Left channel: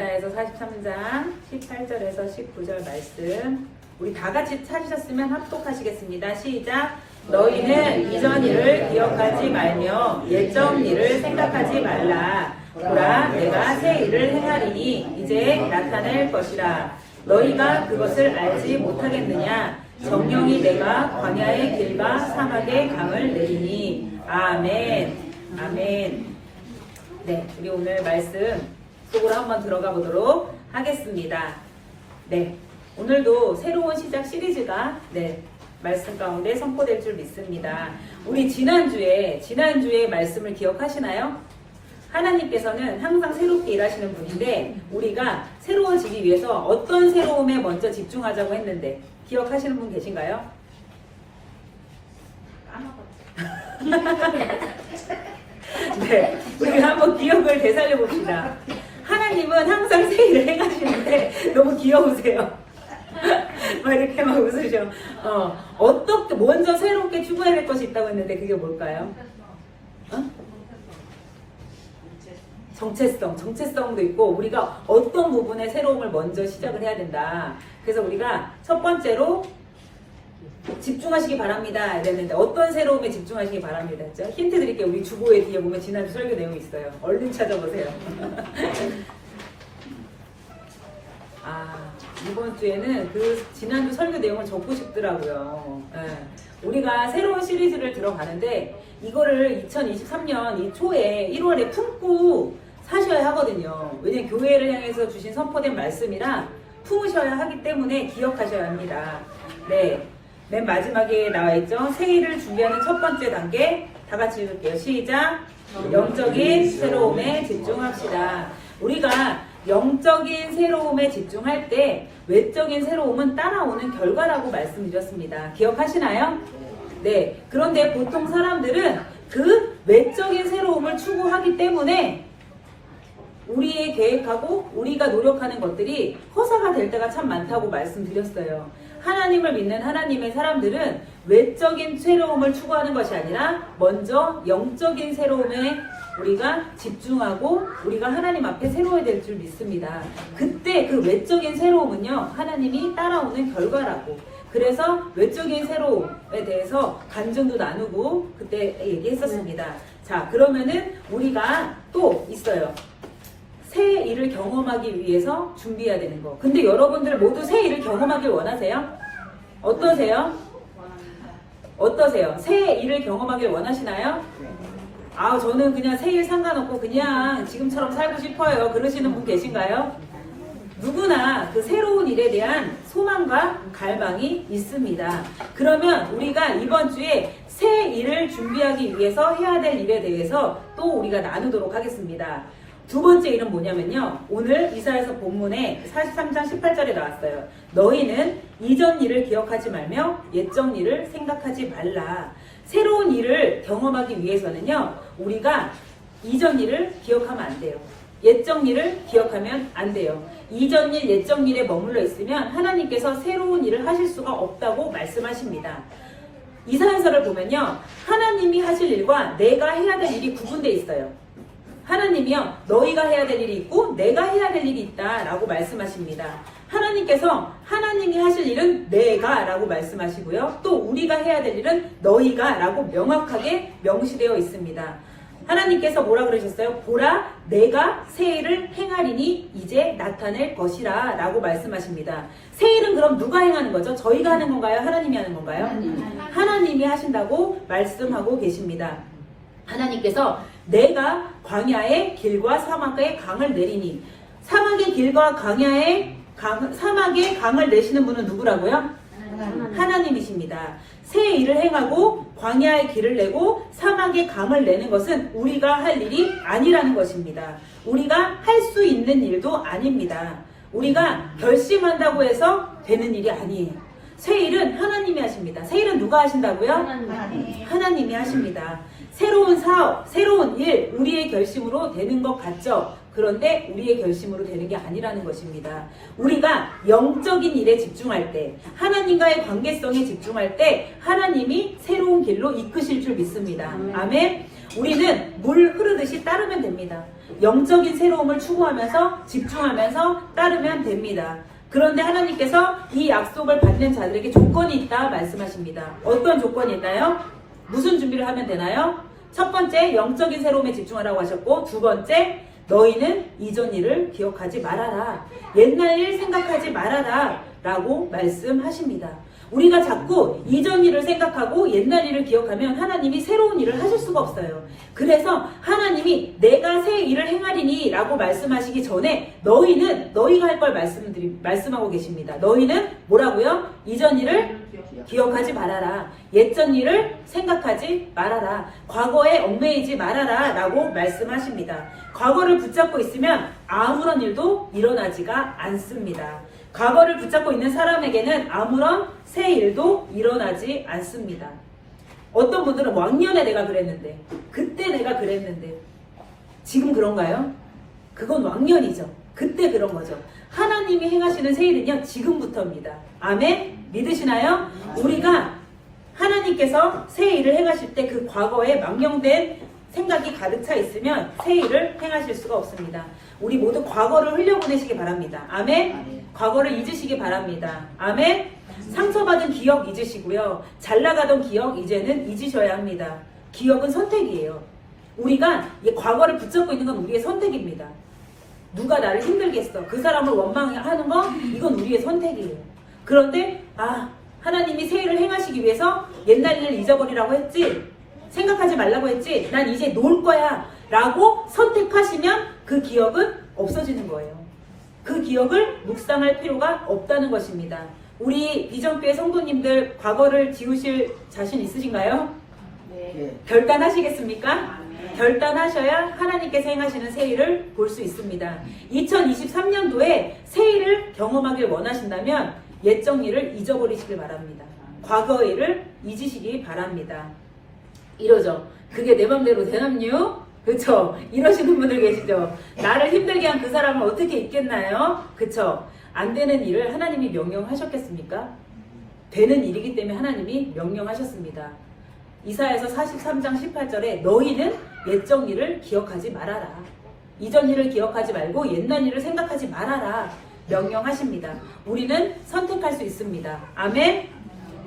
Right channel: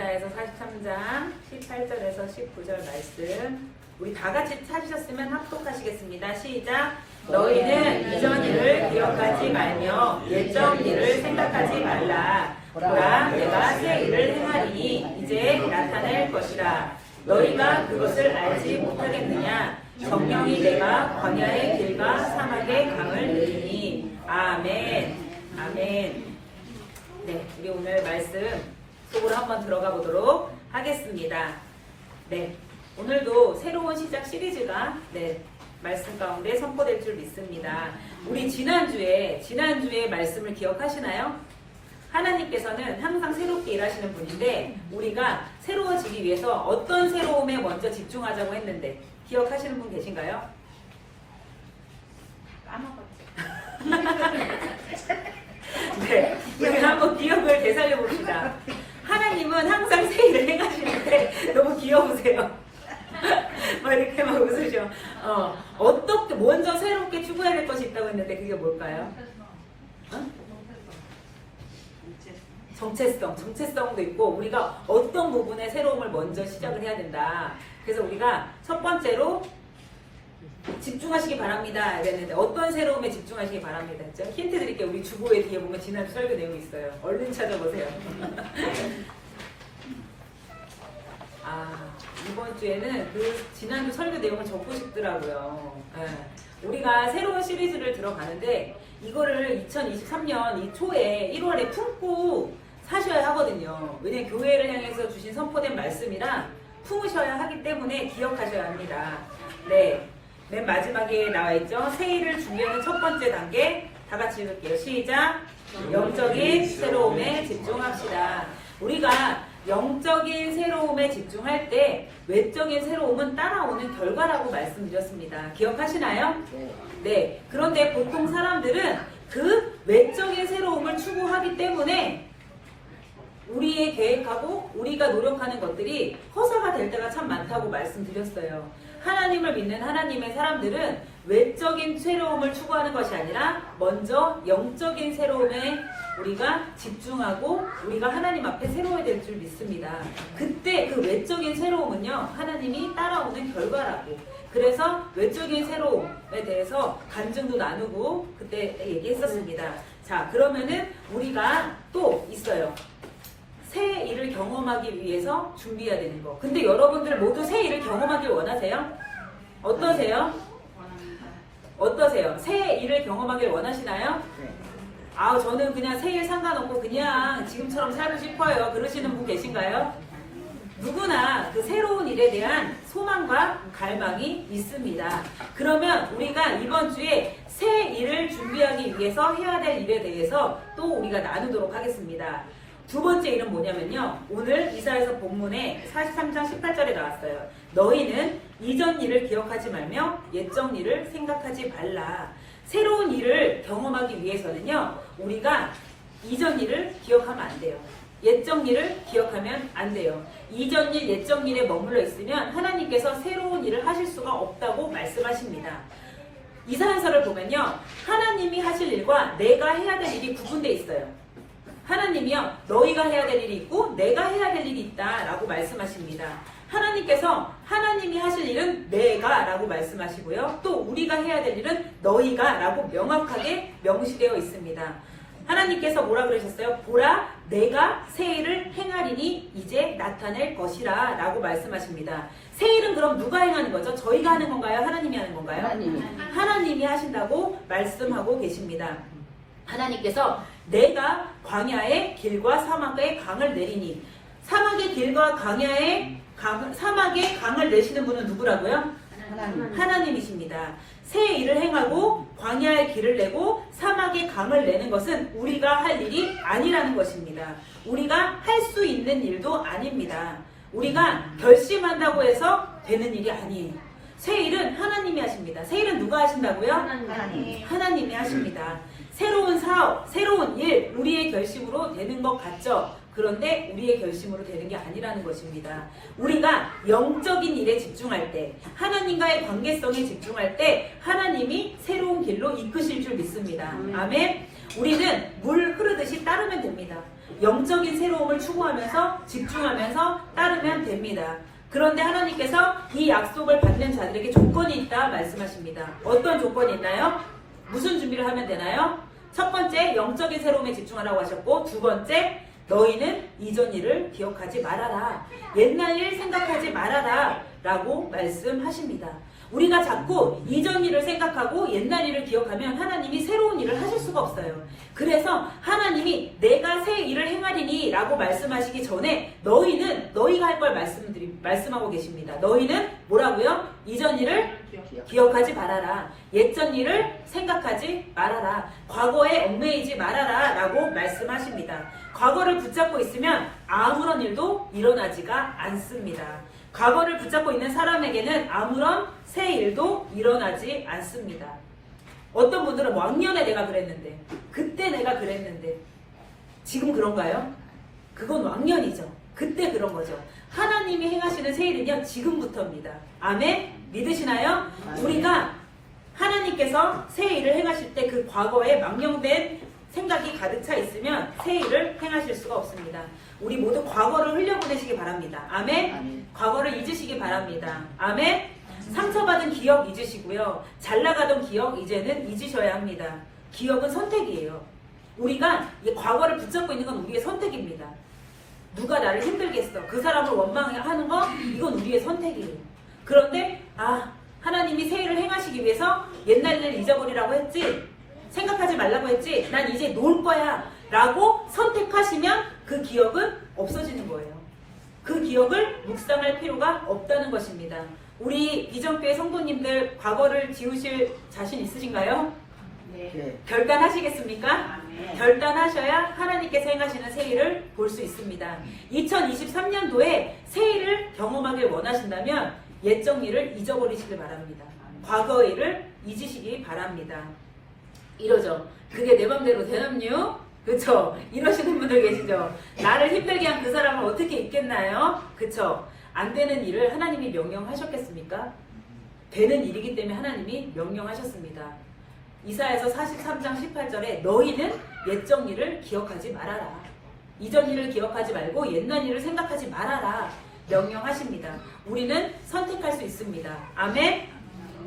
이사야서 43장 18절에서 19절 말씀 우리 다 같이 찾으셨으면 합독하시겠습니다. 시작! 너희는 이전 일을 기억하지 말며 옛적 일을 생각하지 말라. 보라, 내가 새 일을 행하리니 이제 나타낼 것이라. 너희가 그것을 알지 못하겠느냐? 정령이 내가 광야의 길과 사막의 강을 내리니. 아멘. 아멘. 네, 우리 오늘 말씀 속으로 한번 들어가 보도록 하겠습니다. 네, 오늘도 새로운 시작 시리즈가 말씀 가운데 선포될 줄 믿습니다. 우리 지난주에 말씀을 기억하시나요? 하나님께서는 항상 새롭게 일하시는 분인데 우리가 새로워지기 위해서 어떤 새로움에 먼저 집중하자고 했는데 기억하시는 분 계신가요? 네, 우리 한번 기억을 되살려 봅시다. 하나님은 항상 새 일을 행하시는데 너무 귀여우세요. 막 이렇게 막 웃으셔. 어떻게 먼저 새롭게 추구해야 될 것이 있다고 했는데 그게 뭘까요? 정체성도 있고 우리가 어떤 부분에 새로움을 먼저 시작을 해야 된다. 그래서 우리가 첫 번째로 집중하시기 바랍니다 이랬는데 어떤 새로움에 집중하시기 바랍니다 했죠? 힌트 드릴게요. 우리 주보에 뒤에 보면 지난주 설교 내용이 있어요. 얼른 찾아보세요. 이번 주에는 그 지난주 설교 내용을 적고 싶더라고요. 우리가 새로운 시리즈를 들어가는데 이거를 2023년 이 초에 1월에 품고 사셔야 하거든요. 왜냐면 교회를 향해서 주신 선포된 말씀이라 품으셔야 하기 때문에 기억하셔야 합니다. 네, 맨 마지막에 나와있죠. 새해를 준비하는 첫 번째 단계 다 같이 읽을게요. 시작! 영적인 새로움에 집중합시다. 우리가 영적인 새로움에 집중할 때 외적인 새로움은 따라오는 결과라고 말씀드렸습니다. 기억하시나요? 네. 그런데 보통 사람들은 그 외적인 새로움을 추구하기 때문에 우리의 계획하고 우리가 노력하는 것들이 허사가 될 때가 참 많다고 말씀드렸어요. 하나님을 믿는 하나님의 사람들은 외적인 새로움을 추구하는 것이 아니라 먼저 영적인 새로움에 우리가 집중하고 우리가 하나님 앞에 새로워야 될 줄 믿습니다. 그때 그 외적인 새로움은요 하나님이 따라오는 결과라고. 그래서 외적인 새로움에 대해서 간증도 나누고 그때 얘기했었습니다. 자, 그러면은 우리가 또 있어요. 새 일을 경험하기 위해서 준비해야 되는 거. 근데 여러분들 모두 새 일을 경험하길 원하세요? 어떠세요? 어떠세요? 새 일을 경험하길 원하시나요? 저는 그냥 새 일 상관없고 그냥 지금처럼 살고 싶어요. 그러시는 분 계신가요? 누구나 그 새로운 일에 대한 소망과 갈망이 있습니다. 그러면 우리가 이번 주에 새 일을 준비하기 위해서 해야 될 일에 대해서 또 우리가 나누도록 하겠습니다. 두 번째 일은 뭐냐면요. 오늘 이사야서 본문에 43장 18절에 나왔어요. 너희는 이전 일을 기억하지 말며 옛적 일을 생각하지 말라. 새로운 일을 경험하기 위해서는요. 우리가 이전 일을 기억하면 안 돼요. 옛적 일을 기억하면 안 돼요. 이전 일, 옛적 일에 머물러 있으면 하나님께서 새로운 일을 하실 수가 없다고 말씀하십니다. 이사야서를 보면요. 하나님이 하실 일과 내가 해야 될 일이 구분되어 있어요. 하나님이요. 너희가 해야 될 일이 있고 내가 해야 될 일이 있다 라고 말씀하십니다. 하나님께서 하나님이 하실 일은 내가 라고 말씀하시고요. 또 우리가 해야 될 일은 너희가 라고 명확하게 명시되어 있습니다. 하나님께서 뭐라 그러셨어요? 보라, 내가 새 일을 행하리니 이제 나타낼 것이라 라고 말씀하십니다. 새 일은 그럼 누가 행하는 거죠? 저희가 하는 건가요? 하나님이 하는 건가요? 하나님이 하신다고 말씀하고 계십니다. 하나님께서 내가 광야의 길과 사막의 강을 내리니. 사막의 길과 사막의 강을 내시는 분은 누구라고요? 하나님이십니다. 새 일을 행하고 광야의 길을 내고 사막의 강을 내는 것은 우리가 할 일이 아니라는 것입니다. 우리가 할 수 있는 일도 아닙니다. 우리가 결심한다고 해서 되는 일이 아니에요. 새 일은 하나님이 하십니다. 새 일은 누가 하신다고요? 하나님이 하십니다. 새로운 사업, 새로운 일, 우리의 결심으로 되는 것 같죠? 그런데 우리의 결심으로 되는 게 아니라는 것입니다. 우리가 영적인 일에 집중할 때, 하나님과의 관계성에 집중할 때 하나님이 새로운 길로 이끄실 줄 믿습니다. 아멘. 우리는 물 흐르듯이 따르면 됩니다. 영적인 새로움을 추구하면서 집중하면서 따르면 됩니다. 그런데 하나님께서 이 약속을 받는 자들에게 조건이 있다 말씀하십니다. 어떤 조건이 있나요? 무슨 준비를 하면 되나요? 첫 번째, 영적인 새로움에 집중하라고 하셨고, 두 번째, 너희는 이전 일을 기억하지 말아라. 옛날 일 생각하지 말아라. 라고 말씀하십니다. 우리가 자꾸 이전 일을 생각하고 옛날 일을 기억하면 하나님이 새로운 일을 하실 수가 없어요. 그래서 하나님이 내가 새 일을 행하리니 라고 말씀하시기 전에 너희가 할 걸 말씀하고 계십니다. 너희는 뭐라고요? 이전 일을 기억하지 말아라. 옛전 일을 생각하지 말아라. 과거에 얽매이지 말아라 라고 말씀하십니다. 과거를 붙잡고 있으면 아무런 일도 일어나지가 않습니다. 과거를 붙잡고 있는 사람에게는 아무런 새 일도 일어나지 않습니다. 어떤 분들은 왕년에 내가 그랬는데, 그때 내가 그랬는데, 지금 그런가요? 그건 왕년이죠. 그때 그런 거죠. 하나님이 행하시는 새 일은요, 지금부터입니다. 아멘? 믿으시나요? 우리가 하나님께서 새 일을 행하실 때 그 과거에 망령된 생각이 가득 차 있으면 새 일을 행하실 수가 없습니다. 우리 모두 과거를 흘려보내시기 바랍니다. 아멘? 과거를 잊으시기 바랍니다. 아멘? 상처받은 기억 잊으시고요. 잘 나가던 기억 이제는 잊으셔야 합니다. 기억은 선택이에요. 우리가 이 과거를 붙잡고 있는 건 우리의 선택입니다. 누가 나를 힘들게 했어. 그 사람을 원망하는 거 이건 우리의 선택이에요. 그런데 하나님이 새 일을 행하시기 위해서 옛날 일을 잊어버리라고 했지, 생각하지 말라고 했지, 난 이제 놀 거야 라고 선택하시면 그 기억은 없어지는 거예요. 그 기억을 묵상할 필요가 없다는 것입니다. 우리 비전교회 성도님들 과거를 지우실 자신 있으신가요? 네. 결단하시겠습니까? 결단하셔야 하나님께서 행하시는 새 일을 볼 수 있습니다. 2023년도에 새 일을 경험하길 원하신다면 옛적 일을 잊어버리시길 바랍니다. 과거 일을 잊으시기 바랍니다. 이러죠. 그게 내 맘대로 되남요? 그쵸? 이러시는 분들 계시죠? 나를 힘들게 한 그 사람은 어떻게 있겠나요? 그쵸? 안 되는 일을 하나님이 명령하셨겠습니까? 되는 일이기 때문에 하나님이 명령하셨습니다. 이사야서 43장 18절에 너희는 옛적 일을 기억하지 말아라. 이전 일을 기억하지 말고 옛날 일을 생각하지 말아라. 명령하십니다. 우리는 선택할 수 있습니다. 아멘?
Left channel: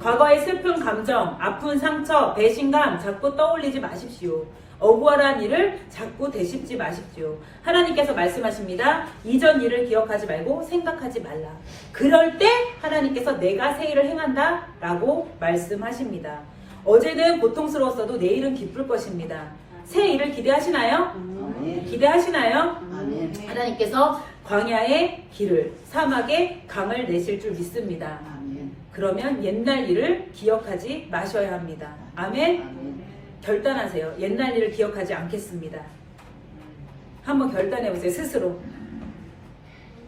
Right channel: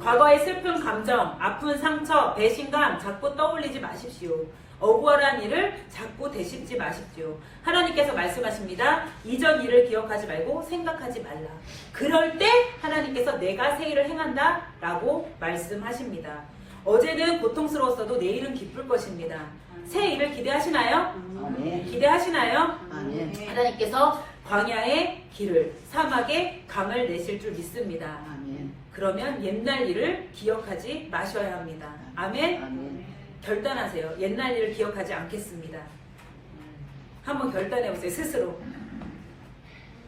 과거의 슬픈 감정, 아픈 상처, 배신감 자꾸 떠올리지 마십시오. 억울한 일을 자꾸 되씹지 마십시오. 하나님께서 말씀하십니다. 이전 일을 기억하지 말고 생각하지 말라. 그럴 때 하나님께서 내가 새 일을 행한다 라고 말씀하십니다. 어제는 고통스러웠어도 내일은 기쁠 것입니다. 새 일을 기대하시나요? 기대하시나요? 하나님께서 광야의 길을, 사막에 강을 내실 줄 믿습니다. 그러면 옛날 일을 기억하지 마셔야 합니다. 아멘? 결단하세요. 옛날 일을 기억하지 않겠습니다. 한번 결단해보세요. 스스로.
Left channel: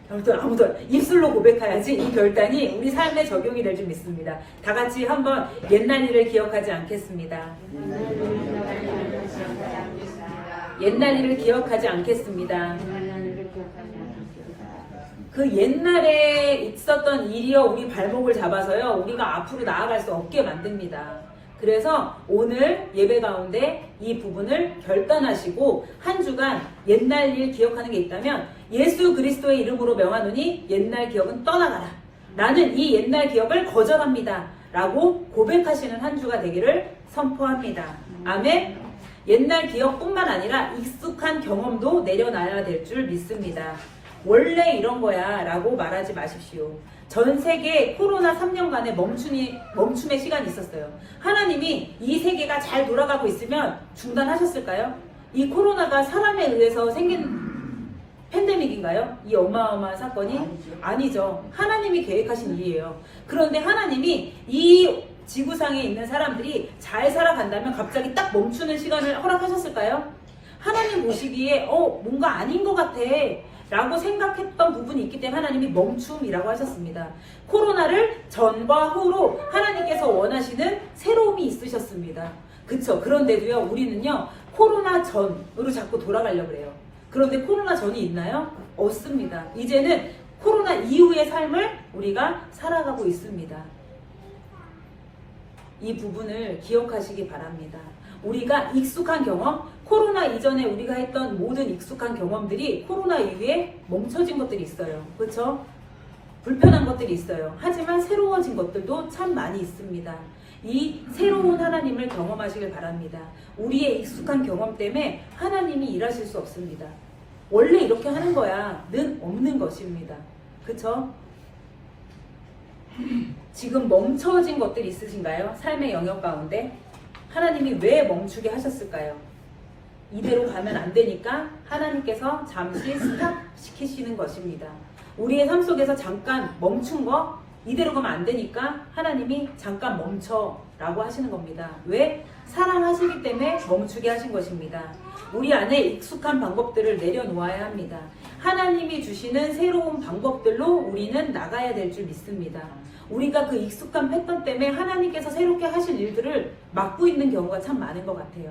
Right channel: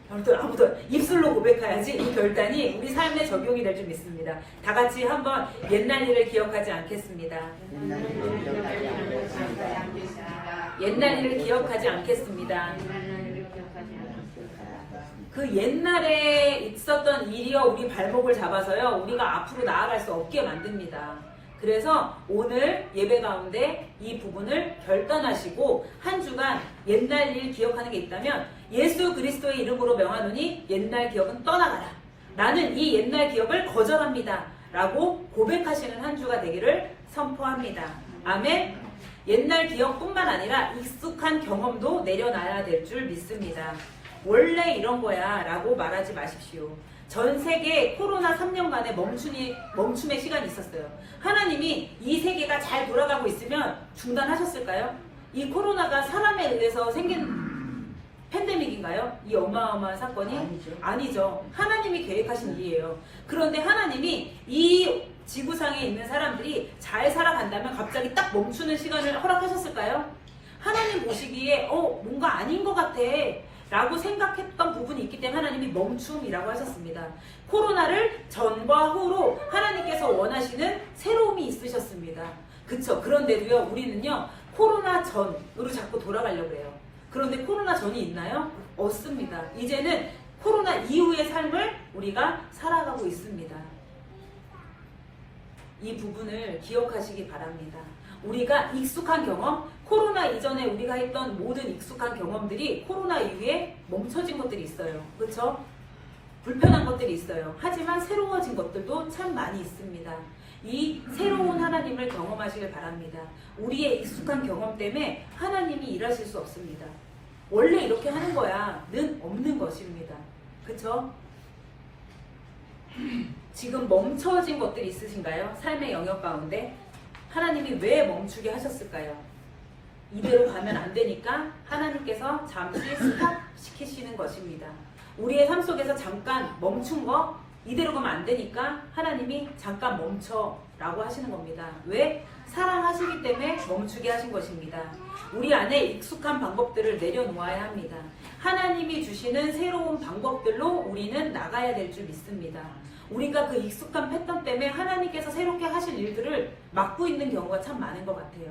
아무도 입술로 고백해야지 이 결단이 우리 삶에 적용이 될 줄 믿습니다. 다 같이 한번 옛날 일을 기억하지 않겠습니다. 옛날 일을 기억하지 않겠습니다. 그 옛날에 있었던 일이요 우리 발목을 잡아서요 우리가 앞으로 나아갈 수 없게 만듭니다. 그래서 오늘 예배 가운데 이 부분을 결단하시고 한 주간 옛날 일 기억하는 게 있다면 예수 그리스도의 이름으로 명하노니 옛날 기억은 떠나가라. 나는 이 옛날 기억을 거절합니다. 라고 고백하시는 한 주가 되기를 선포합니다. 아멘. 옛날 기억뿐만 아니라 익숙한 경험도 내려놔야 될 줄 믿습니다. 원래 이런 거야 라고 말하지 마십시오. 전 세계 코로나 3년간의 멈춤의 시간이 있었어요. 하나님이 이 세계가 잘 돌아가고 있으면 중단하셨을까요? 이 코로나가 사람에 의해서 생긴 팬데믹인가요? 이 어마어마한 사건이? 아니죠. 하나님이 계획하신 일이에요. 그런데 하나님이 이 지구상에 있는 사람들이 잘 살아간다면 갑자기 딱 멈추는 시간을 허락하셨을까요? 하나님 보시기에 뭔가 아닌 것 같아 라고 생각했던 부분이 있기 때문에 하나님이 멈춤이라고 하셨습니다. 코로나를 전과 후로 하나님께서 원하시는 새로움이 있으셨습니다. 그쵸? 그런데도요 우리는요 코로나 전으로 자꾸 돌아가려고 해요. 그런데 코로나 전이 있나요? 없습니다. 이제는 코로나 이후의 삶을 우리가 살아가고 있습니다. 이 부분을 기억하시기 바랍니다. 우리가 익숙한 경험, 코로나 이전에 우리가 했던 모든 익숙한 경험들이 코로나 이후에 멈춰진 것들이 있어요. 그렇죠? 불편한 것들이 있어요. 하지만 새로워진 것들도 참 많이 있습니다. 이 새로운 하나님을 경험하시길 바랍니다. 우리의 익숙한 경험 때문에 하나님이 일하실 수 없습니다. 원래 이렇게 하는 거야는 없는 것입니다. 그쵸? 지금 멈춰진 것들이 있으신가요? 삶의 영역 가운데 하나님이 왜 멈추게 하셨을까요? 이대로 가면 안 되니까 하나님께서 잠시 스탑시키시는 것입니다. 우리의 삶 속에서 잠깐 멈춘 거 이대로 가면 안 되니까 하나님이 잠깐 멈춰 라고 하시는 겁니다. 왜? 사랑하시기 때문에 멈추게 하신 것입니다. 우리 안에 익숙한 방법들을 내려놓아야 합니다. 하나님이 주시는 새로운 방법들로 우리는 나가야 될 줄 믿습니다. 우리가 그 익숙한 패턴 때문에 하나님께서 새롭게 하실 일들을 막고 있는 경우가 참 많은 것 같아요.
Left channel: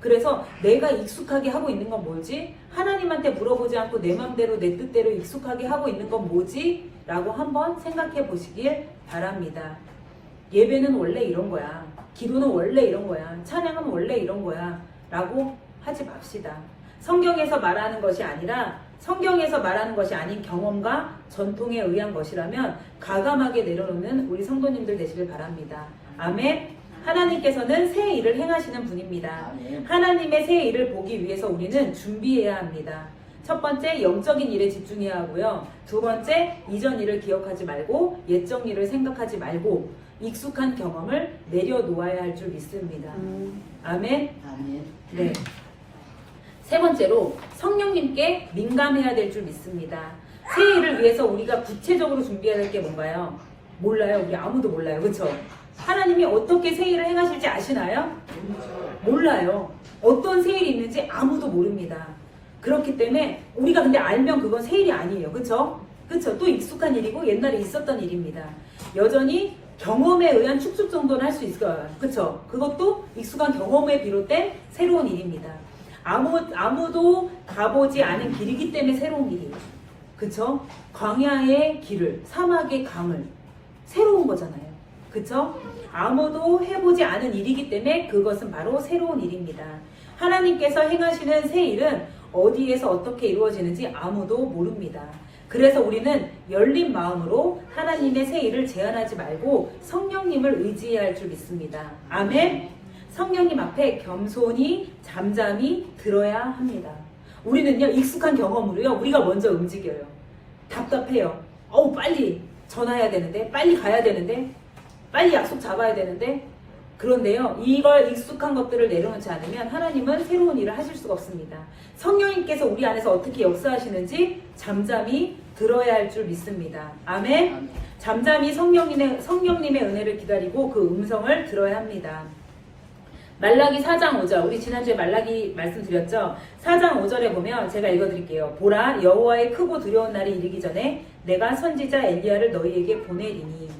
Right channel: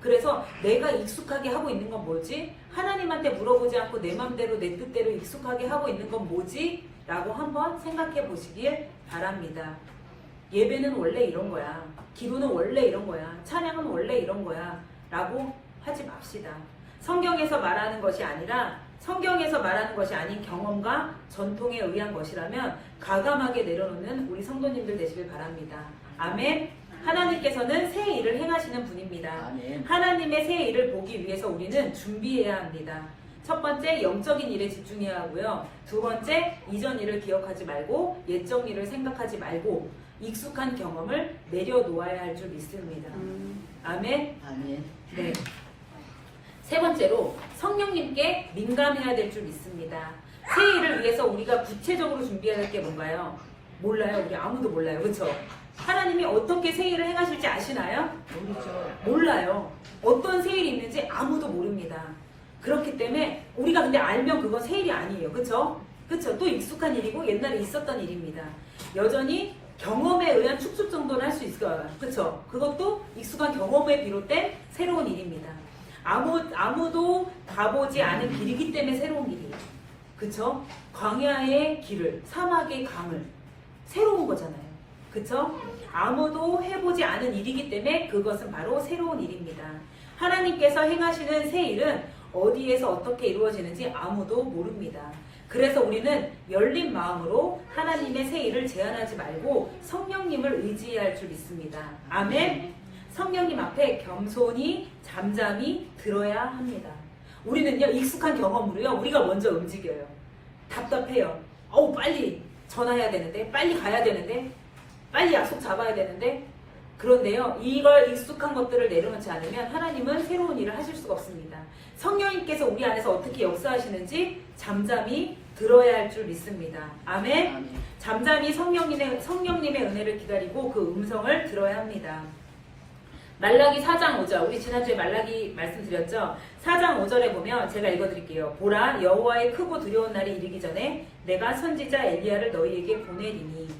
그래서 내가 익숙하게 하고 있는 건 뭐지? 하나님한테 물어보지 않고 내 맘대로 내 뜻대로 익숙하게 하고 있는 건 뭐지? 라고 한번 생각해 보시길 바랍니다. 예배는 원래 이런 거야. 기도는 원래 이런 거야. 찬양은 원래 이런 거야. 라고 하지 맙시다. 성경에서 말하는 것이 아니라 성경에서 말하는 것이 아닌 경험과 전통에 의한 것이라면 과감하게 내려놓는 우리 성도님들 되시길 바랍니다. 아멘. 하나님께서는 새 일을 행하시는 분입니다. 하나님의 새 일을 보기 위해서 우리는 준비해야 합니다. 첫 번째, 영적인 일에 집중해야 하고요. 두 번째, 이전 일을 기억하지 말고 옛적 일을 생각하지 말고 익숙한 경험을 내려놓아야 할 줄 믿습니다. 아멘. 네. 세 번째로, 성령님께 민감해야 될 줄 믿습니다. 새 일을 위해서 우리가 구체적으로 준비해야 될 게 뭔가요? 몰라요. 우리 아무도 몰라요. 그렇죠? 하나님이 어떻게 새 일을 행하실지 아시나요? 몰라요. 어떤 새 일이 있는지 아무도 모릅니다. 그렇기 때문에 우리가 근데 알면 그건 새 일이 아니에요. 그쵸? 그쵸? 또 익숙한 일이고 옛날에 있었던 일입니다. 여전히 경험에 의한 축소 정도는 할 수 있어요. 그쵸? 그것도 익숙한 경험에 비롯된 새로운 일입니다. 아무도 가보지 않은 길이기 때문에 새로운 일이에요. 그쵸? 광야의 길을, 사막의 강을 새로운 거잖아요. 그쵸? 아무도 해보지 않은 일이기 때문에 그것은 바로 새로운 일입니다. 하나님께서 행하시는 새 일은 어디에서 어떻게 이루어지는지 아무도 모릅니다. 그래서 우리는 열린 마음으로 하나님의 새 일을 제한하지 말고 성령님을 의지해야 할 줄 믿습니다. 아멘. 성령님 앞에 겸손히 잠잠히 들어야 합니다. 우리는요, 익숙한 경험으로요, 우리가 먼저 움직여요. 답답해요. 빨리 전화해야 되는데, 빨리 가야 되는데, 빨리 약속 잡아야 되는데. 그런데요, 이걸 익숙한 것들을 내려놓지 않으면 하나님은 새로운 일을 하실 수가 없습니다. 성령님께서 우리 안에서 어떻게 역사하시는지 잠잠히 들어야 할 줄 믿습니다. 아멘. 잠잠히 성령님의 은혜를 기다리고 그 음성을 들어야 합니다. 말라기 4장 5절, 우리 지난주에 말라기 말씀드렸죠. 4장 5절에 보면 제가 읽어드릴게요. 보라, 여호와의 크고 두려운 날이 이르기 전에 내가 선지자 엘리야를 너희에게 보내리니.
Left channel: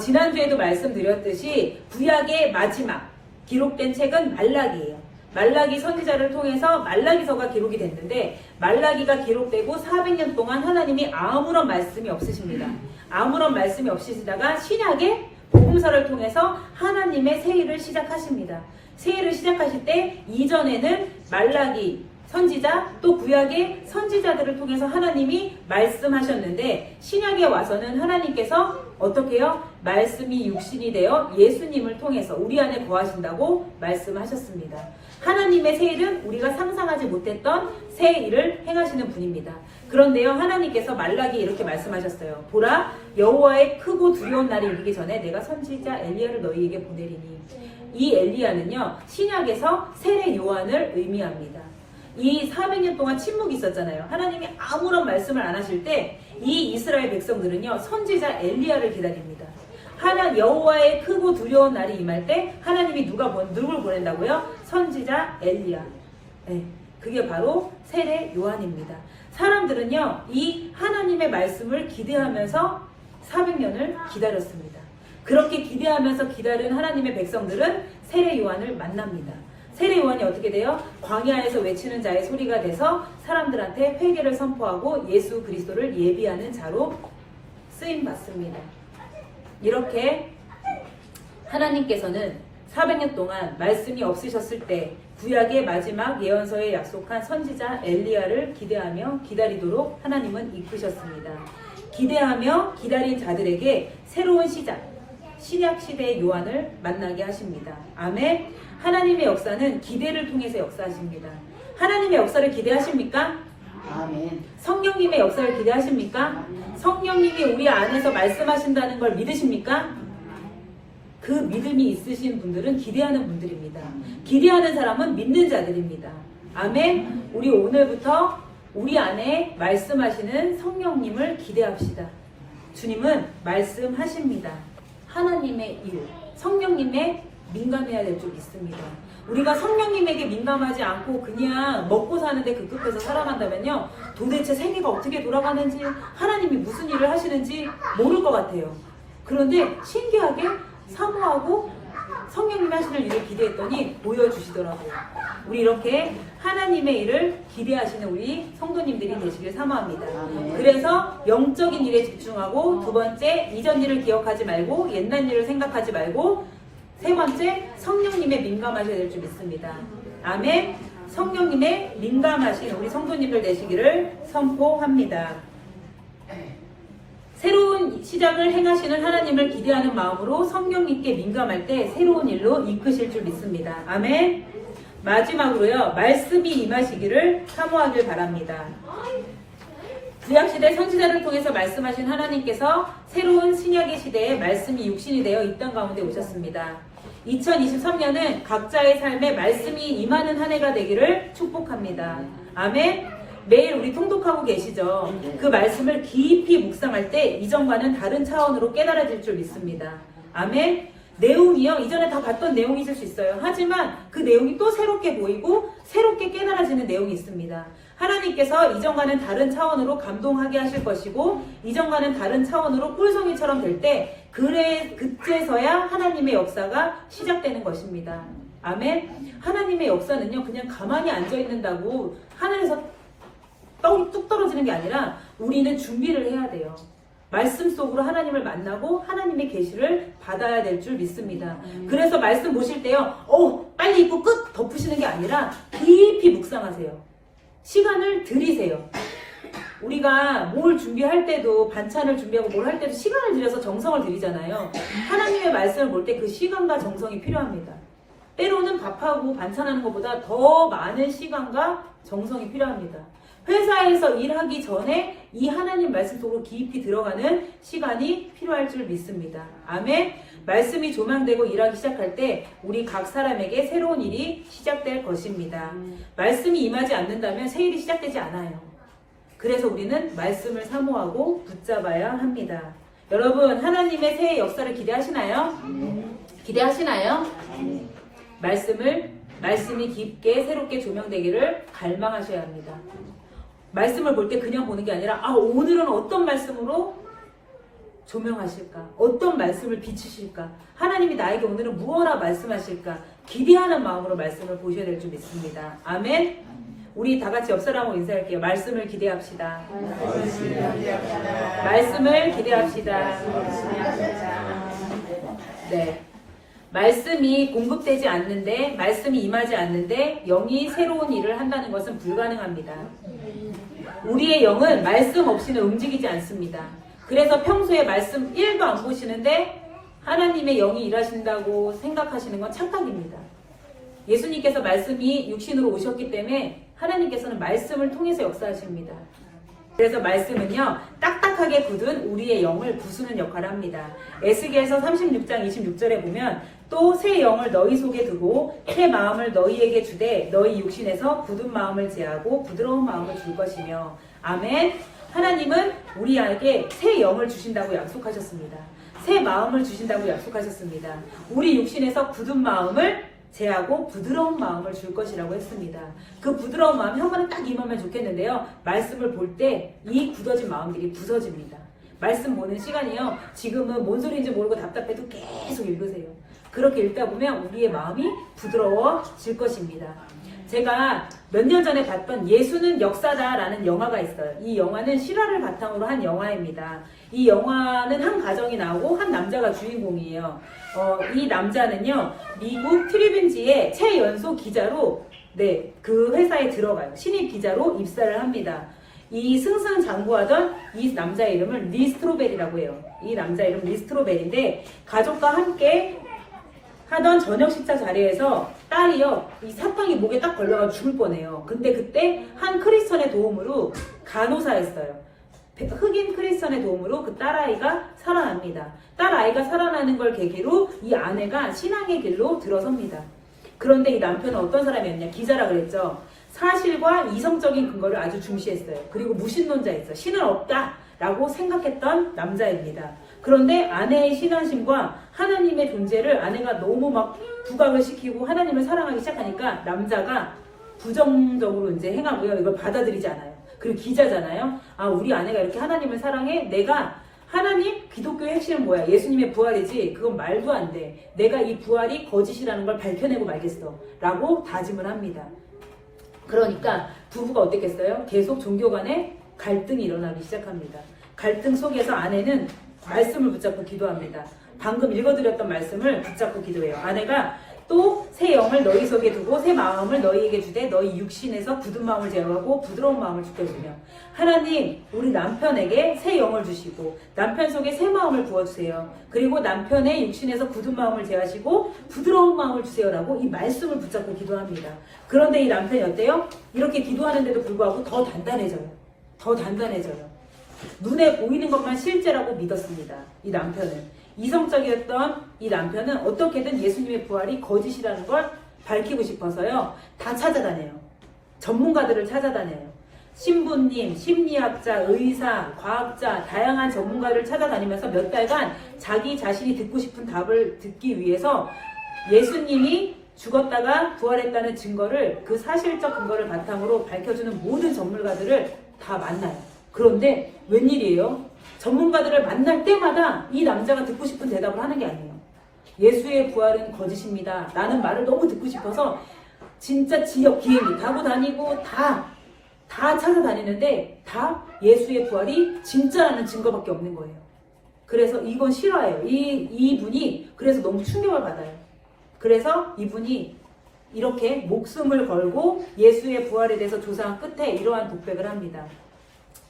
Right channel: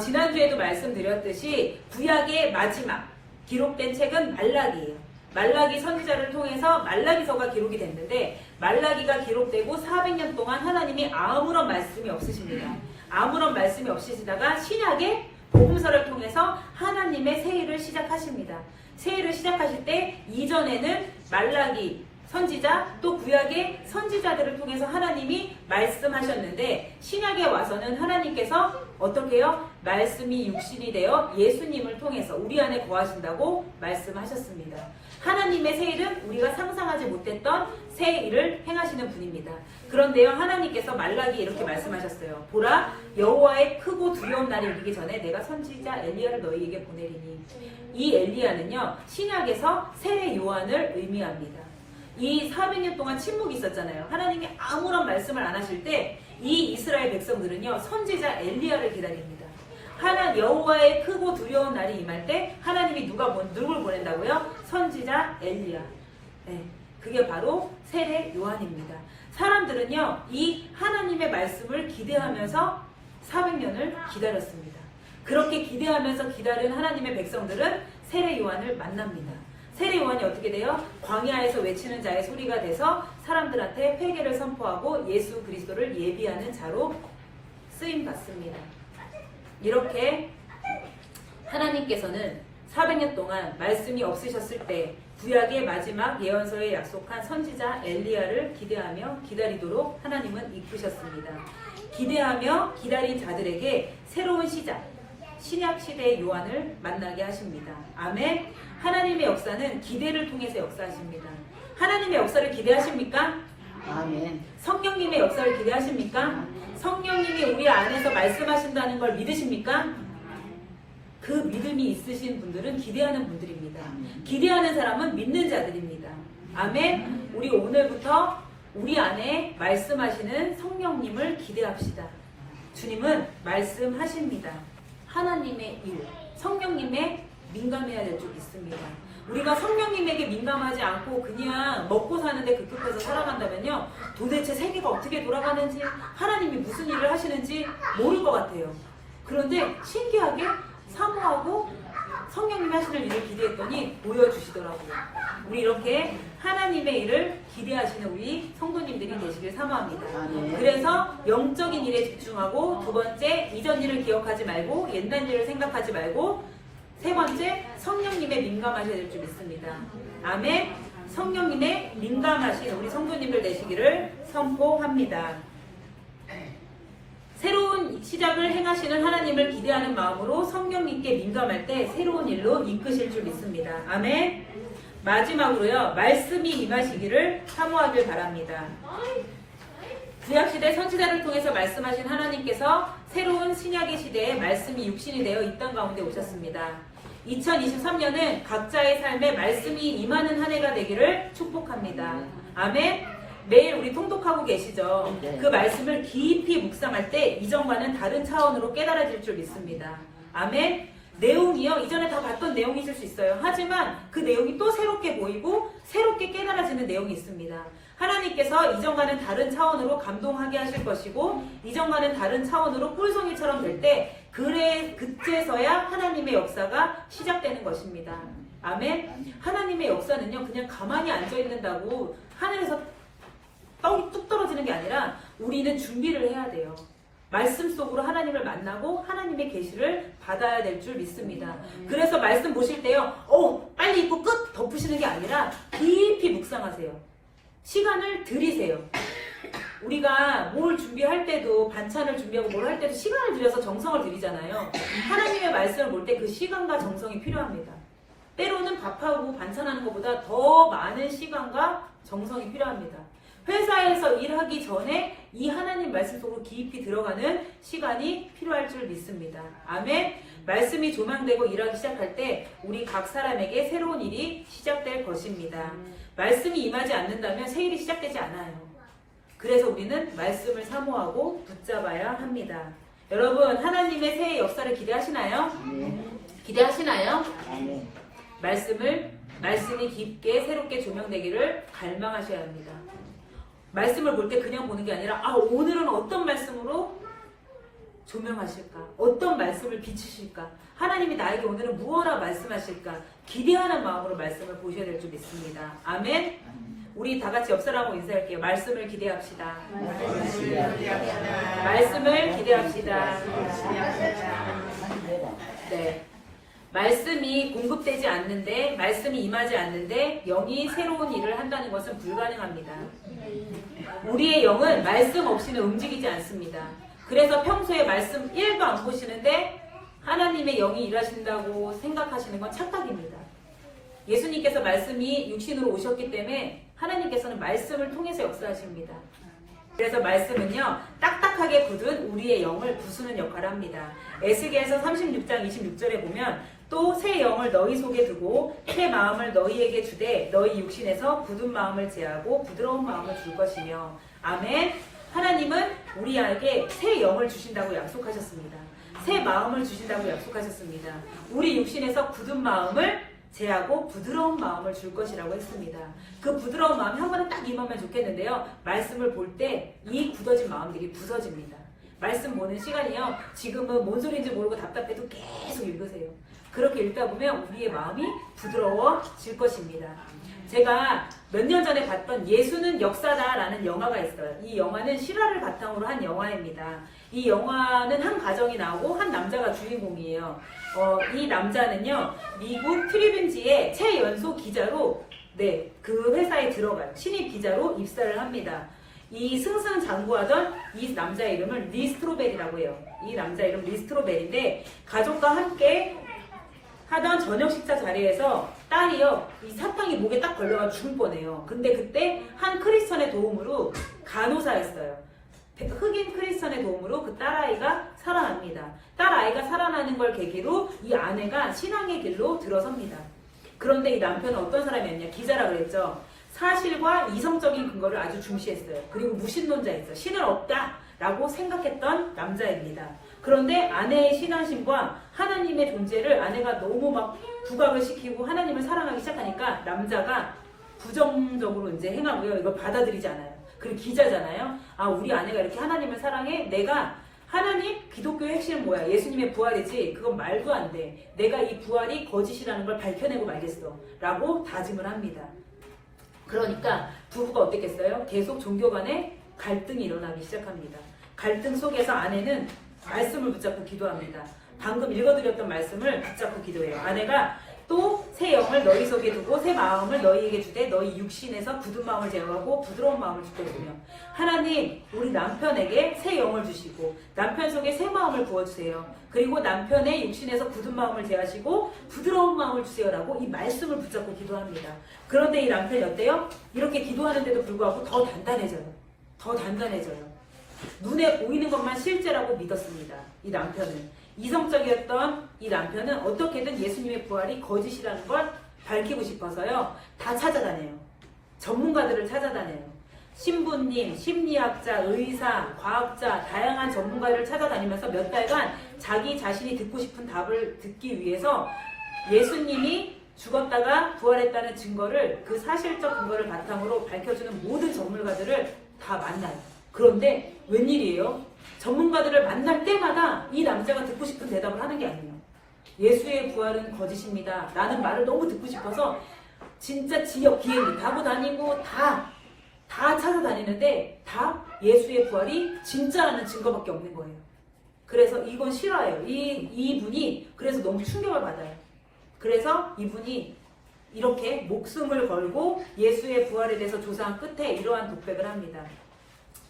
지난주에도 말씀드렸듯이 구약의 마지막 기록된 책은 말라기예요. 말라기 선지자를 통해서 말라기서가 기록이 됐는데, 말라기가 기록되고 400년 동안 하나님이 아무런 말씀이 없으십니다. 아무런 말씀이 없으시다가 신약의 복음서를 통해서 하나님의 새 일을 시작하십니다. 새 일을 시작하실 때 이전에는 말라기 선지자, 또 구약의 선지자들을 통해서 하나님이 말씀하셨는데, 신약에 와서는 하나님께서 어떻게 해요? 말씀이 육신이 되어 예수님을 통해서 우리 안에 거하신다고 말씀하셨습니다. 하나님의 새 일은 우리가 상상하지 못했던 새 일을 행하시는 분입니다. 그런데요, 하나님께서 말라기에 이렇게 말씀하셨어요. 보라, 여호와의 크고 두려운 날이 이르기 전에 내가 선지자 엘리야를 너희에게 보내리니. 이 엘리야는요, 신약에서 세례 요한을 의미합니다. 이 400년 동안 침묵이 있었잖아요. 하나님이 아무런 말씀을 안 하실 때 이 이스라엘 백성들은요, 선지자 엘리야를 기다립니다. 여호와의 크고 두려운 날이 임할 때 하나님이 누굴 보낸다고요? 선지자 엘리야. 네, 그게 바로 세례 요한입니다. 사람들은요, 이 하나님의 말씀을 기대하면서 400년을 기다렸습니다. 그렇게 기대하면서 기다린 하나님의 백성들은 세례 요한을 만납니다. 세례 요한이 어떻게 돼요? 광야에서 외치는 자의 소리가 돼서 사람들한테 회개를 선포하고 예수 그리스도를 예비하는 자로 쓰임 받습니다. 이렇게 하나님께서는 400년 동안 말씀이 없으셨을 때 구약의 마지막 예언서에 약속한 선지자 엘리야를 기대하며 기다리도록 하나님은 이끄셨습니다. 기대하며 기다린 자들에게 새로운 시작, 신약 시대의 요한을 만나게 하십니다. 아멘. 하나님의 역사는 기대를 통해서 역사하십니다. 하나님의 역사를 기대하십니까? 아멘. 성령님의 역사를 기대하십니까? 성령님이 우리 안에서 말씀하신다는 걸 믿으십니까? 그 믿음이 있으신 분들은 기대하는 분들입니다. 기대하는 사람은 믿는 자들입니다. 아멘. 우리 오늘부터 우리 안에 말씀하시는 성령님을 기대합시다. 주님은 말씀하십니다. 하나님의 일, 성령님의 민감해야 될 줄 믿습니다. 우리가 성령님에게 민감하지 않고 그냥 먹고 사는데 급급해서 살아간다면요, 도대체 세계가 어떻게 돌아가는지, 하나님이 무슨 일을 하시는지 모를 것 같아요. 그런데 신기하게 사모하고 성령님이 하시는 일을 기대했더니 보여주시더라고요. 우리 이렇게 하나님의 일을 기대하시는 우리 성도님들이 되시길 사모합니다. 그래서 영적인 일에 집중하고, 두 번째, 이전 일을 기억하지 말고 옛날 일을 생각하지 말고, 세 번째, 성령님의 민감하셔야 될 줄 믿습니다. 아멘. 성령님의 민감하신 우리 성도님들 되시기를 선포합니다. 새로운 시작을 행하시는 하나님을 기대하는 마음으로 성령님께 민감할 때 새로운 일로 이끄실 줄 믿습니다. 아멘. 마지막으로요, 말씀이 임하시기를 사모하길 바랍니다. 구약시대 선지자를 통해서 말씀하신 하나님께서 새로운 신약의 시대에 말씀이 육신이 되어 이 땅 가운데 오셨습니다. 2023년은 각자의 삶에 말씀이 임하는 한 해가 되기를 축복합니다. 아멘. 매일 우리 통독하고 계시죠? 그 말씀을 깊이 묵상할 때 이전과는 다른 차원으로 깨달아질 줄 믿습니다. 아멘. 내용이요, 이전에 다 봤던 내용이 있을 수 있어요. 하지만 그 내용이 또 새롭게 보이고 새롭게 깨달아지는 내용이 있습니다. 하나님께서 이전과는 다른 차원으로 감동하게 하실 것이고, 이전과는 다른 차원으로 꿀송이처럼 될 때 그때서야 하나님의 역사가 시작되는 것입니다. 아멘. 하나님의 역사는요, 그냥 가만히 앉아있는다고 하늘에서 떡이 뚝 떨어지는 게 아니라 우리는 준비를 해야 돼요. 말씀 속으로 하나님을 만나고 하나님의 계시를 받아야 될 줄 믿습니다. 그래서 말씀 보실 때요, 빨리 읽고 끝 덮으시는 게 아니라 깊이 묵상하세요. 시간을 들이세요. 우리가 뭘 준비할 때도, 반찬을 준비하고 뭘 할 때도 시간을 들여서 정성을 들이잖아요. 하나님의 말씀을 볼 때 그 시간과 정성이 필요합니다. 때로는 밥하고 반찬하는 것보다 더 많은 시간과 정성이 필요합니다. 회사에서 일하기 전에 이 하나님 말씀 속으로 깊이 들어가는 시간이 필요할 줄 믿습니다. 아멘. 말씀이 조명되고 일하기 시작할 때 우리 각 사람에게 새로운 일이 시작될 것입니다. 말씀이 임하지 않는다면 새 일이 시작되지 않아요. 그래서 우리는 말씀을 사모하고 붙잡아야 합니다. 여러분, 하나님의 새해 역사를 기대하시나요? 기대하시나요? 말씀이 깊게 새롭게 조명되기를 갈망하셔야 합니다. 말씀을 볼 때 그냥 보는 게 아니라, 오늘은 어떤 말씀으로 조명하실까? 어떤 말씀을 비추실까? 하나님이 나에게 오늘은 무엇라 말씀하실까? 기대하는 마음으로 말씀을 보셔야 될 줄 믿습니다. 아멘. 우리 다 같이 옆 사람하고 인사할게요. 말씀을 기대합시다. 말씀을 기대합시다. 네. 말씀이 공급되지 않는데, 말씀이 임하지 않는데 영이 새로운 일을 한다는 것은 불가능합니다. 우리의 영은 말씀 없이는 움직이지 않습니다. 그래서 평소에 말씀 1도 안 보시는데 하나님의 영이 일하신다고 생각하시는 건 착각입니다. 예수님께서 말씀이 육신으로 오셨기 때문에 하나님께서는 말씀을 통해서 역사하십니다. 그래서 말씀은요, 딱딱하게 굳은 우리의 영을 부수는 역할을 합니다. 에스겔서 36장 26절에 보면, 또 새 영을 너희 속에 두고 새 마음을 너희에게 주되 너희 육신에서 굳은 마음을 제하고 부드러운 마음을 줄 것이며. 아멘. 하나님은 우리에게 새 영을 주신다고 약속하셨습니다. 새 마음을 주신다고 약속하셨습니다. 우리 육신에서 굳은 마음을 제하고 부드러운 마음을 줄 것이라고 했습니다. 그 부드러운 마음이 한 번에 딱 임하면 좋겠는데요, 말씀을 볼 때 이 굳어진 마음들이 부서집니다. 말씀 보는 시간이요, 지금은 뭔 소리인지 모르고 답답해도 계속 읽으세요. 그렇게 읽다 보면 우리의 마음이 부드러워질 것입니다. 제가 몇 년 전에 봤던 예수는 역사다라는 영화가 있어요. 이 영화는 실화를 바탕으로 한 영화입니다. 이 영화는 한 가정이 나오고 한 남자가 주인공이에요. 이 남자는요, 미국 트리뷴지의 최연소 기자로 그 회사에 들어가요. 신입 기자로 입사를 합니다. 이 승승장구하던 이 남자의 이름을 리 스트로벨이라고 해요. 이 남자 이름 리 스트로벨인데 가족과 함께 하던 저녁 식사 자리에서 딸이요, 이 사탕이 목에 딱 걸려가 죽을 뻔해요. 근데 그때 한 크리스천의 도움으로, 간호사였어요. 흑인 크리스천의 도움으로 그 딸아이가 살아납니다. 딸아이가 살아나는 걸 계기로 이 아내가 신앙의 길로 들어섭니다. 그런데 이 남편은 어떤 사람이었냐? 기자라 그랬죠. 사실과 이성적인 근거를 아주 중시했어요. 그리고 무신론자였어요. 신은 없다라고 생각했던 남자입니다. 그런데 아내의 신앙심과 하나님의 존재를 아내가 너무 막 부각을 시키고 하나님을 사랑하기 시작하니까 남자가 부정적으로 이제 행하고요. 이걸 받아들이지 않아요. 그리고 기자잖아요. 아, 우리 아내가 이렇게 하나님을 사랑해? 내가 하나님, 기독교의 핵심은 뭐야? 예수님의 부활이지. 그건 말도 안 돼. 내가 이 부활이 거짓이라는 걸 밝혀내고 말겠어. 라고 다짐을 합니다. 그러니까 부부가 어땠겠어요? 계속 종교 간에 갈등이 일어나기 시작합니다. 갈등 속에서 아내는 말씀을 붙잡고 기도합니다. 방금 읽어드렸던 말씀을 붙잡고 기도해요. 아내가 또 새 영을 너희 속에 두고 새 마음을 너희에게 주되 너희 육신에서 굳은 마음을 제어하고 부드러운 마음을 주게 주며, 하나님, 우리 남편에게 새 영을 주시고 남편 속에 새 마음을 부어주세요. 그리고 남편의 육신에서 굳은 마음을 제하시고 부드러운 마음을 주세요라고 이 말씀을 붙잡고 기도합니다. 그런데 이 남편이 어때요? 이렇게 기도하는데도 불구하고 더 단단해져요. 더 단단해져요. 눈에 보이는 것만 실제라고 믿었습니다. 이 남편은. 이성적이었던 이 남편은 어떻게든 예수님의 부활이 거짓이라는 걸 밝히고 싶어서요, 다 찾아다녀요. 전문가들을 찾아다녀요. 신부님, 심리학자, 의사, 과학자, 다양한 전문가를 찾아다니면서 몇 달간 자기 자신이 듣고 싶은 답을 듣기 위해서 예수님이 죽었다가 부활했다는 증거를, 그 사실적 근거를 바탕으로 밝혀주는 모든 전문가들을 다 만나요. 그런데 웬일이에요? 전문가들을 만날 때마다 이 남자가 듣고 싶은 대답을 하는 게 아니에요. 예수의 부활은 거짓입니다. 라는 말을 너무 듣고 싶어서 진짜 지역 비행기 타고 다니고 다 찾아다니는데 다 예수의 부활이 진짜라는 증거밖에 없는 거예요. 그래서 이건 실화예요. 이분이 그래서 너무 충격을 받아요. 그래서 이분이 이렇게 목숨을 걸고 예수의 부활에 대해서 조사한 끝에 이러한 독백을 합니다.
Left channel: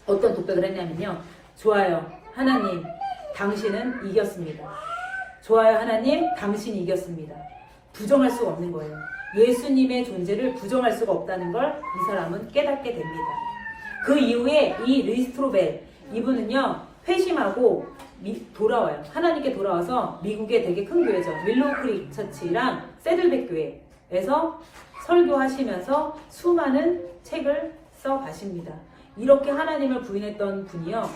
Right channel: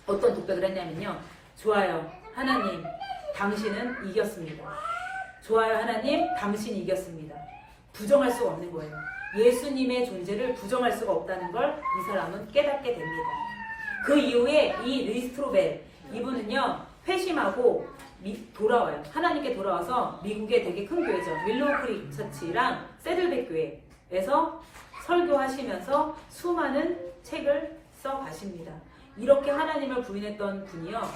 어떤 독백을 했냐면요. 좋아요, 하나님, 당신은 이겼습니다. 좋아요, 하나님, 당신이 이겼습니다. 부정할 수가 없는 거예요. 예수님의 존재를 부정할 수가 없다는 걸 이 사람은 깨닫게 됩니다. 그 이후에 이 리스트로벨, 이분은요, 회심하고 돌아와요. 하나님께 돌아와서 미국의 되게 큰 교회죠. 윌로우 크릭 처치랑 새들백 교회에서 설교하시면서 수많은 책을 써 가십니다. 이렇게 하나님을 부인했던 분이요,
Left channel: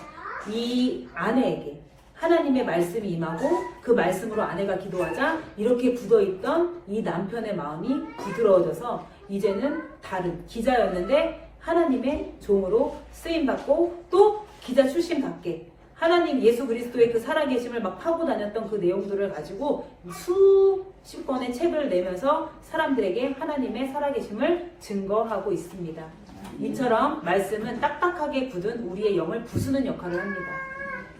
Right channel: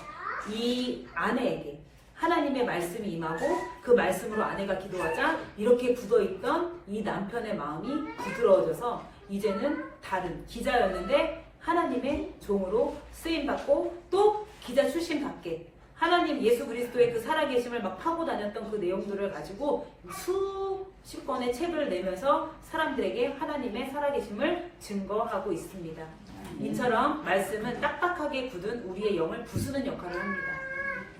이 아내에게 하나님의 말씀이 임하고 그 말씀으로 아내가 기도하자 이렇게 굳어있던 이 남편의 마음이 부드러워져서 이제는 다른 기자였는데 하나님의 종으로 쓰임받고 또 기자 출신 밖에 하나님 예수 그리스도의 그 살아계심을 막 파고 다녔던 그 내용들을 가지고 수십 권의 책을 내면서 사람들에게 하나님의 살아계심을 증거하고 있습니다. 이처럼 말씀은 딱딱하게 굳은 우리의 영을 부수는 역할을 합니다.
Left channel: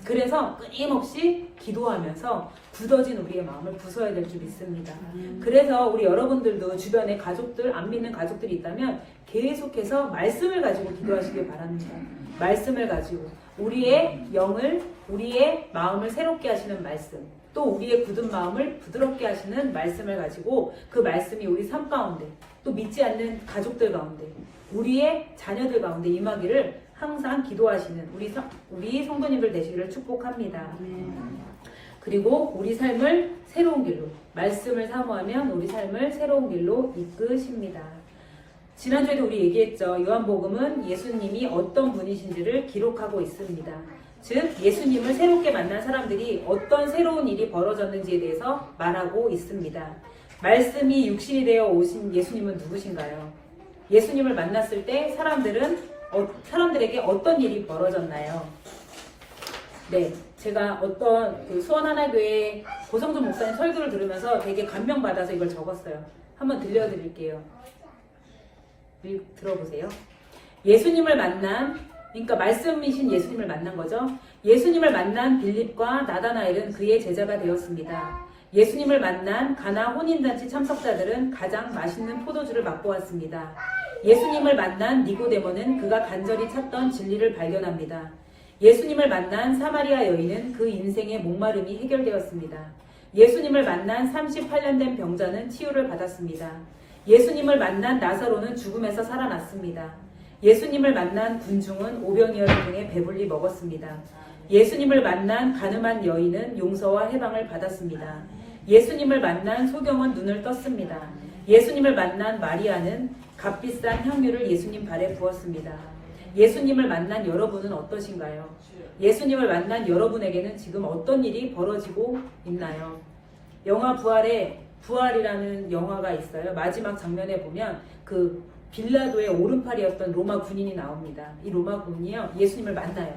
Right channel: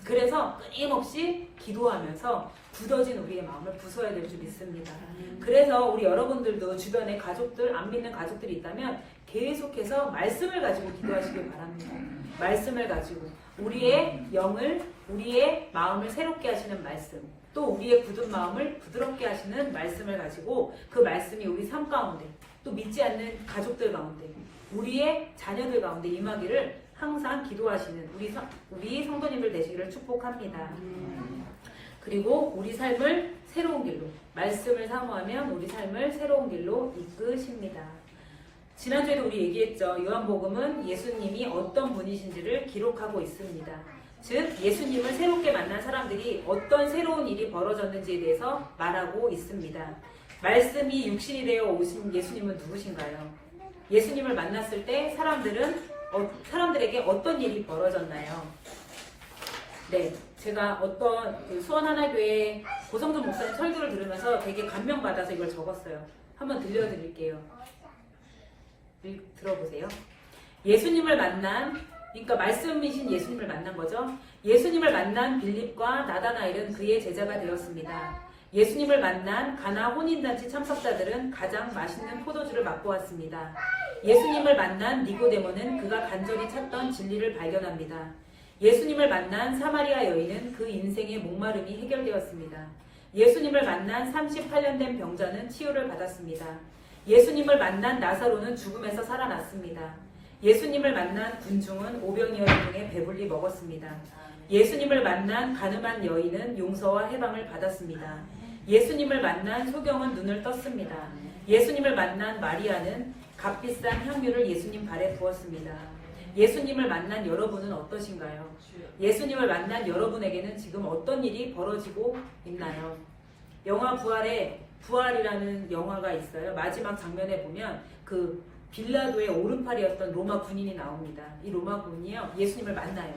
그래서 끊임없이 기도하면서 굳어진 우리의 마음을 부숴야 될 줄 믿습니다. 그래서 우리 여러분들도 주변에 가족들, 안 믿는 가족들이 있다면 계속해서 말씀을 가지고 기도하시길 바랍니다. 말씀을 가지고 우리의 영을, 우리의 마음을 새롭게 하시는 말씀, 또 우리의 굳은 마음을 부드럽게 하시는 말씀을 가지고 그 말씀이 우리 삶 가운데, 또 믿지 않는 가족들 가운데, 우리의 자녀들 가운데 임하기를 항상 기도하시는 우리 성도님들 되시기를 축복합니다. 그리고 우리 삶을 새로운 길로, 말씀을 사모하면 우리 삶을 새로운 길로 이끄십니다. 지난주에도 우리 얘기했죠. 요한복음은 예수님이 어떤 분이신지를 기록하고 있습니다. 즉 예수님을 새롭게 만난 사람들이 어떤 새로운 일이 벌어졌는지에 대해서 말하고 있습니다. 말씀이 육신이 되어 오신 예수님은 누구신가요? 예수님을 만났을 때 사람들에게 어떤 일이 벌어졌나요? 네, 제가 어떤 그 수원하나교회 고성준 목사님 설교를 들으면서 되게 감명받아서 이걸 적었어요. 한번 들려드릴게요. 들어보세요. 예수님을 만난, 그러니까 말씀이신 예수님을 만난 거죠. 예수님을 만난 빌립과 나다나엘은 그의 제자가 되었습니다. 예수님을 만난 가나 혼인잔치 참석자들은 가장 맛있는 포도주를 맛보았습니다. 예수님을 만난 니고데모는 그가 간절히 찾던 진리를 발견합니다. 예수님을 만난 사마리아 여인은 그 인생의 목마름이 해결되었습니다. 예수님을 만난 38년 된 병자는 치유를 받았습니다. 예수님을 만난 나사로는 죽음에서 살아났습니다. 예수님을 만난 군중은 오병이어를 통해 배불리 먹었습니다. 예수님을 만난 가늠한 여인은 용서와 해방을 받았습니다. 예수님을 만난 소경은 눈을 떴습니다. 예수님을 만난 마리아는 값비싼 향유를 예수님 발에 부었습니다. 예수님을 만난 여러분은 어떠신가요? 예수님을 만난 여러분에게는 지금 어떤 일이 벌어지고 있나요? 영화 부활이라는 영화가 있어요. 마지막 장면에 보면 그 빌라도의 오른팔이었던 로마 군인이 나옵니다. 이 로마 군인이요, 예수님을 만나요.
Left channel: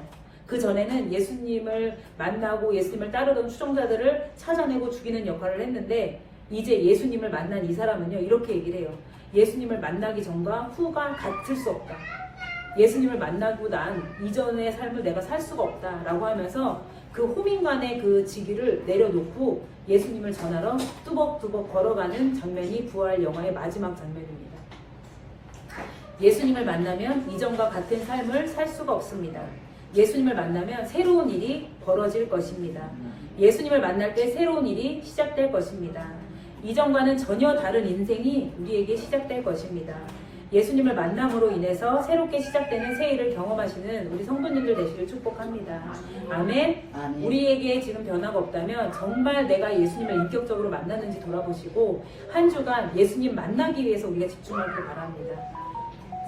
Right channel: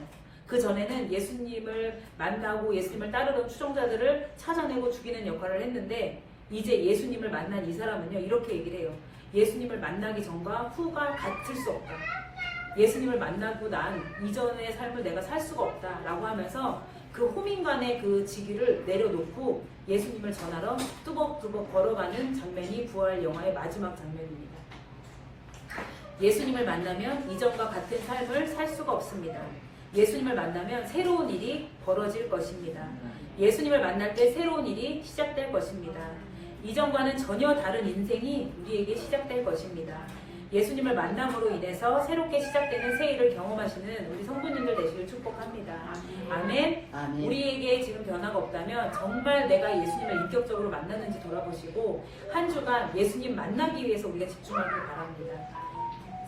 그 전에는 예수님을 만나고 예수님을 따르던 추종자들을 찾아내고 죽이는 역할을 했는데, 이제 예수님을 만난 이 사람은요, 이렇게 얘기를 해요. 예수님을 만나기 전과 후가 같을 수 없다. 예수님을 만나고 난 이전의 삶을 내가 살 수가 없다 라고 하면서 그 호민관의 그 직위를 내려놓고 예수님을 전하러 뚜벅뚜벅 걸어가는 장면이 부활 영화의 마지막 장면입니다. 예수님을 만나면 이전과 같은 삶을 살 수가 없습니다. 예수님을 만나면 새로운 일이 벌어질 것입니다. 예수님을 만날 때 새로운 일이 시작될 것입니다. 이전과는 전혀 다른 인생이 우리에게 시작될 것입니다. 예수님을 만남으로 인해서 새롭게 시작되는 새 일을 경험하시는 우리 성도님들 되시길 축복합니다. 아멘. 우리에게 지금 변화가 없다면 정말 내가 예수님을 인격적으로 만났는지 돌아보시고 한 주간 예수님 만나기 위해서 우리가 집중하길 바랍니다.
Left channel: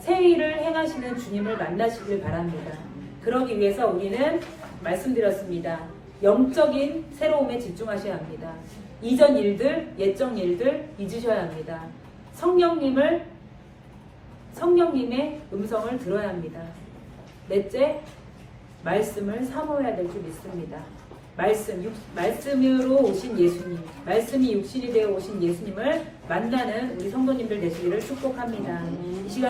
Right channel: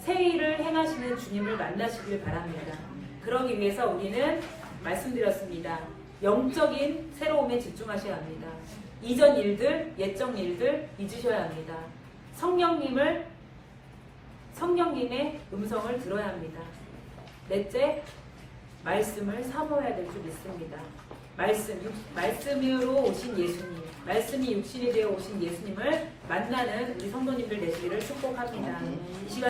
새 일을 행하시는 주님을 만나시길 바랍니다. 그러기 위해서 우리는 말씀드렸습니다. 영적인 새로움에 집중하셔야 합니다. 이전 일들, 옛적 일들 잊으셔야 합니다. 성령님의 음성을 들어야 합니다. 넷째, 말씀을 사모해야 될 줄 믿습니다. 말씀으로 오신 예수님, 말씀이 육신이 되어 오신 예수님을 만나는 우리 성도님들 되시기를 축복합니다. 이 시간